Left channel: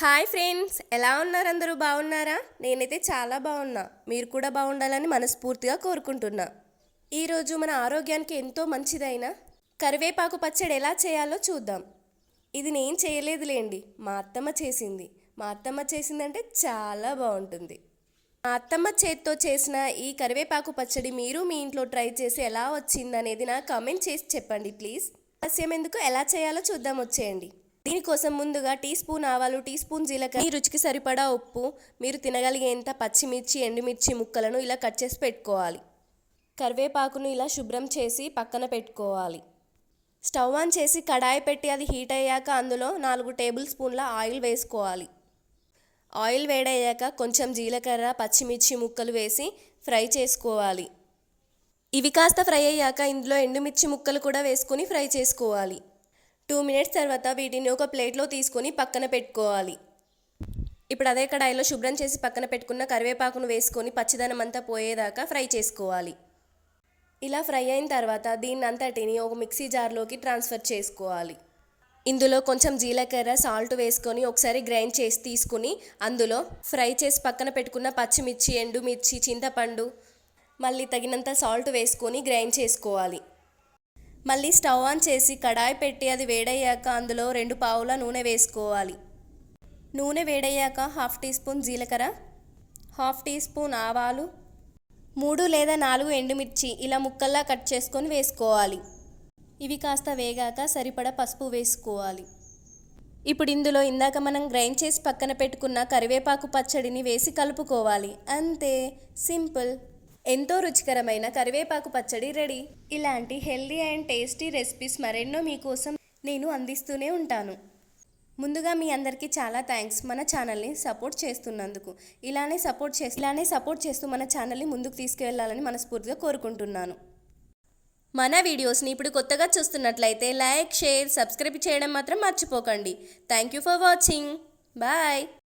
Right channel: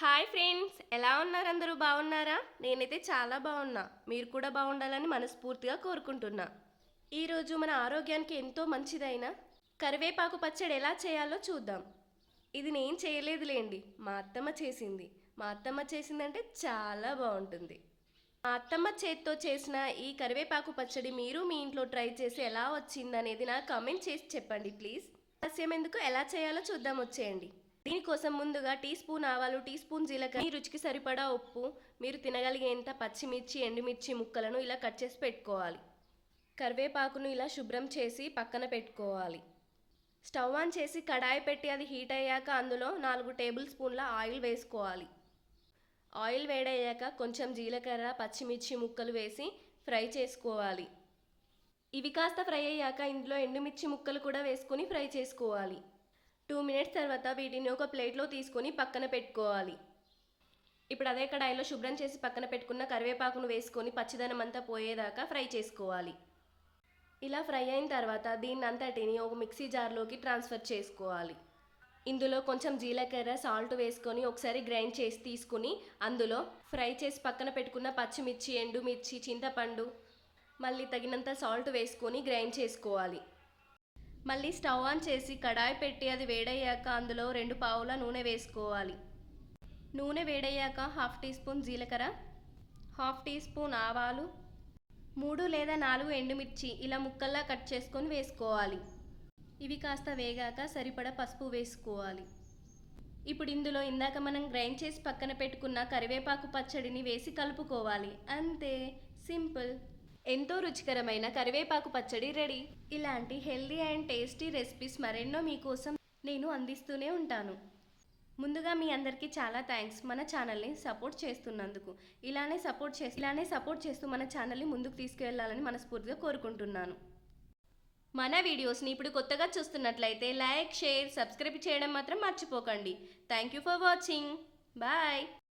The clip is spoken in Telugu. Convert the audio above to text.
హాయ్ ఫ్రెండ్స్ ఎలా ఉన్నారు అందరూ బాగున్నారా? నేనైతే చాలా బాగున్నా. మీరు కూడా బాగుండాలని మనస్ఫూర్తిగా కోరుకుంటున్నా. ఈరోజు మన ఆరోగ్యానికి ఎంతో మంచిదైన కరివేపాకు పచ్చడి ఎలా చేయాలో చూద్దాం. ఇది నేను చేయలేదులేండి. మా అత్తమ్మ చేసింది. మా అత్తమ్మ చేసిందంటే చాలా బాగుంటుంది. మా అత్తమ్మ చేత్తో చేసిన ఈ కరివేపాకు పచ్చడి మీరు మీ ఇంట్లో ట్రై చేసి ఎలా వచ్చిందనేది నాకు కామెంట్ చేసి చెప్పండి ప్లీజ్. ఆలస్యం ఎందుకు? ఎలా చేయాలో చూద్దాం వచ్చేయండి. దీనికోసం ముందుగా టీ స్పూన్ ఆవాలు టీ స్పూన్ జీలకర్ర. మీ రుచికి సరిపడా ఉప్పు మీరు తినగలిగేంత పచ్చిమిర్చి ఎండుమిర్చి ముక్కలను ఇలా కట్ చేసి పెట్టుకోవాలి. కరివేపాకును ఇలా శుభ్రం చేసి పక్కన పెట్టుకోవాలి. స్టవ్ ఆన్ చేసి కడాయి పెట్టి అది హీట్ అయ్యాక అందులో నాలుగు టేబుల్ స్పూన్ల ఆయిల్ వేసుకోవాలి. ఆయిల్ వేడయ్యాక కొంచెం జీలకర్ర పచ్చిమిర్చి ముక్కలు వేసి ఫ్రై చేసుకోవాలి. ఇవి కాస్త ఫ్రై అయ్యాక ఇందులో ఎండుమిర్చి ముక్కలు కూడా వేసుకొని ఫ్రై చేసుకోవాలి. టూ మినిట్స్ తర్వాత వీటిని ఒక ప్లేట్లో తీసుకొని పక్కన పెట్టుకోవాలి. ఇప్పుడు అదే కడాయిలో శుభ్రం చేసి పక్కన పెట్టుకున్న కరివేపాకును వేసుకొని పచ్చిదనం అంతా పోయేదాకా ఫ్రై చేసుకోవాలి. ఇలా ఫ్రై అయిన తర్వాత దీన్ని అంతటిని ఒక మిక్సీ జార్లోకి ట్రాన్స్ఫర్ చేసుకోవాలి. ఇందులో కొంచెం జీలకర్ర సాల్ట్ వేసుకొని ఒకసారి గ్రైండ్ చేసి తీసుకుని అందులో ఫ్రై చేసి పక్కన పెట్టుకున్న పచ్చిమిర్చి ఎండుమిర్చి చింతపండు మళ్ళీ తగినంత సాల్ట్ వేసుకొని గ్రైండ్ చేసుకోవాలి. మళ్ళీ స్టవ్ ఆన్ చేసి కడాయి పెట్టి అది వేడయ్యాక అందులో రెండు పావుల నూనె వేసుకోవాలి. నూనె వేడయ్యాక హాఫ్ టీ స్పూన్ జీలకర్ర హాఫ్ టీ స్పూన్ ఆవాలు మూడు లేదా నాలుగు ఎండుమిర్చి ఇలా ముక్కల్లా కట్ చేసుకొని వేసుకోవాలి. ఇవి కాస్త వేగాక సరిపడ పసుపు వేసుకోవాలి. ఇప్పుడు ఇందులో ఇందాక మనం గ్రైండ్ చేసి పక్కన పెట్టుకున్న కరివేపాకు పచ్చడిని వేసి కలుపుకోవాలి. అంతే సింపుల్. ఎంతో రుచికరమైన కరివేపాకు పచ్చడి రెడీ. ఇలాంటి హెల్దీ అండ్ టేస్టీ రెసిపీస్ మరెన్నో మీకోసం నేను అందిస్తూనే ఉంటాను. ముందుగా మీ అందరికీ చాలా థ్యాంక్స్. మన ఛానల్ని సపోర్ట్ చేస్తున్నందుకు. ఇలానే సపోర్ట్ చేసి ఇలానే సపోర్ట్ చేస్తూ మన ఛానల్ని ముందుకు తీసుకెళ్ళాలని మనస్ఫూర్తిగా కోరుకుంటున్నాను. మన వీడియోస్ని ఇప్పుడు కొత్తగా చూస్తున్నట్లయితే లైక్ షేర్ సబ్స్క్రైబ్ చేయడం మాత్రం మర్చిపోకండి. Thank you for watching. Bye.